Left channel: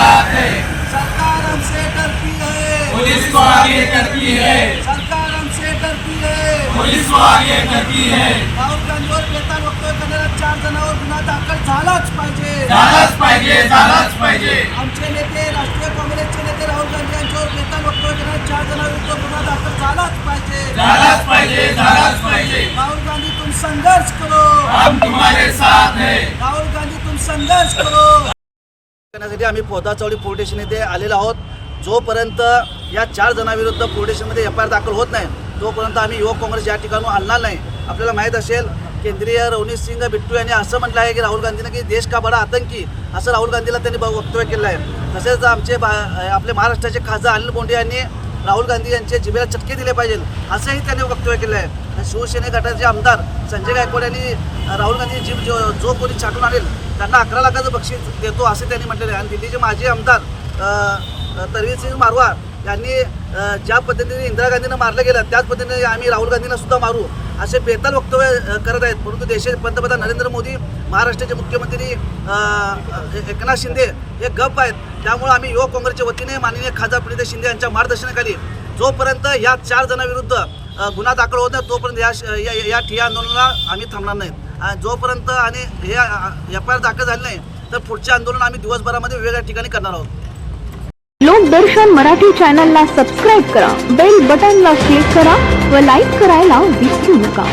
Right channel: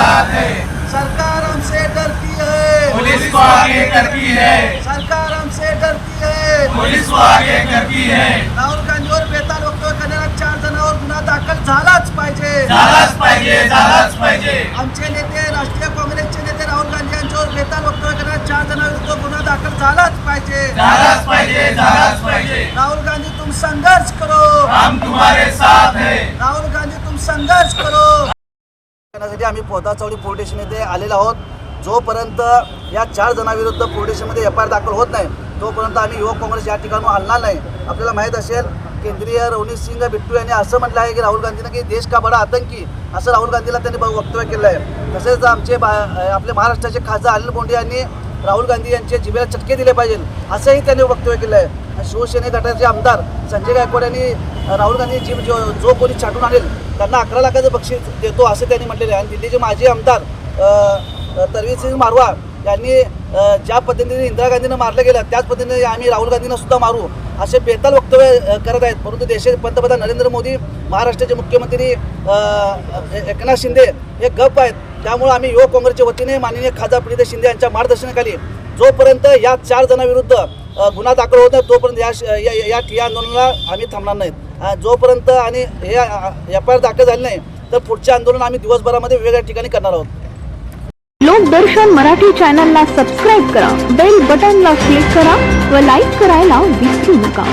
साथ है सरकार हमसे डरती है। पुलिस को आगे करती है। सरकार हमसे डरती है। पुलिस को आगे करती है। राहुल बेताल वक्तव्य करणाऱ्या चार जणांवर गुन्हा दाखल झालाच पाहिजे। झालाच पाहिजे झालाच पाहिजे। आमचे नेते राष्ट्रीय काँग्रेसचे नेते राहुल गांधी यांच्यावर बेताल वक्तव्य करणाऱ्या चार जणांविरुद्ध गुन्हा दाखल झालाच पाहिजे। झालाच पाहिजे झालाच पाहिजे। राहुल गांधी तुम संघर्ष करो। हम तुम्हारे साथ हैं। राहुल गांधी तुम संघर्ष करो। करण्यासाठी आम्ही पोदाचवडी पोलीस स्टेशन येथे आलेलो आहोत. जोपर्यंत या चार जणांविरुद्ध पोलीस स्टेशनमध्ये एफ आय आर दाखल होत नाही तोपर्यंत आम्ही युवक काँग्रेस या ठिकाणी हलणार नाही. आपल्याला माहीत असेल केंद्रीय रवनीत सिंग बिट्टू यांनी असं म्हटलं आहे की राहुल गांधीनं की देश का बडा आतंकी? असं राहुल गांधीला त्यांनी वक्तव्य केलं आहे. तसेच आमचे बा आपले महाराष्ट्राचे खासदार अनिल बोंडे यांनी राहुल गांधी यांचे जिभेला चटके दिले पाहिजे असंही त्यांनी वक्तव्य केलं आहे. शिवसेने गटाचे आमदार संजय गायकवाड यांनी राहुल गांधी जीभ जो जो कोणी छाटून आणेल त्यांना अकरा लाखाचं बक्षीस देतो असं त्यांनी म्हटलेलं आहे. आणि दिल्लीचे माजी आमदार तरवीर सिंग मारवा यांनी ज्या पद्धतीने इंदिरा गांधींना मारलं गेलं त्याच पद्धतीने आम्ही राहुल गांधींना सुद्धा मारू असे बेताल वक्तव्य करत आहेत. परंतु देशाचे पंतप्रधान नरेंद्र मोदी महाराष्ट्राचे मुख्यमंत्री एकनाथ शिंदे हे गप आहेत. त्यामुळे आम्ही युवक काँग्रेसच्या वतीने माननीय खासदार प्रीत शिंदे यांच्या मार्गदर्शनाखाली जोपर्यंत या चार जणांविरुद्ध गुन्हा दाखल होत नाही तोपर्यंत या या या- आंदोलनाला आम्ही थांबणार नाहीत. जोपर्यंत आणि हे एफ आय आर दाखल झाले नाही तर पुढचे आंदोलन आम्ही दिवसभरामध्ये वेगवेगळ्या ठिकाणी करणार आहोत. लोकदर्शन मराठी चॅनलला सबस्क्राईब करा बेल बटनला क्लिक करा व लाईक करायला विसरू नका.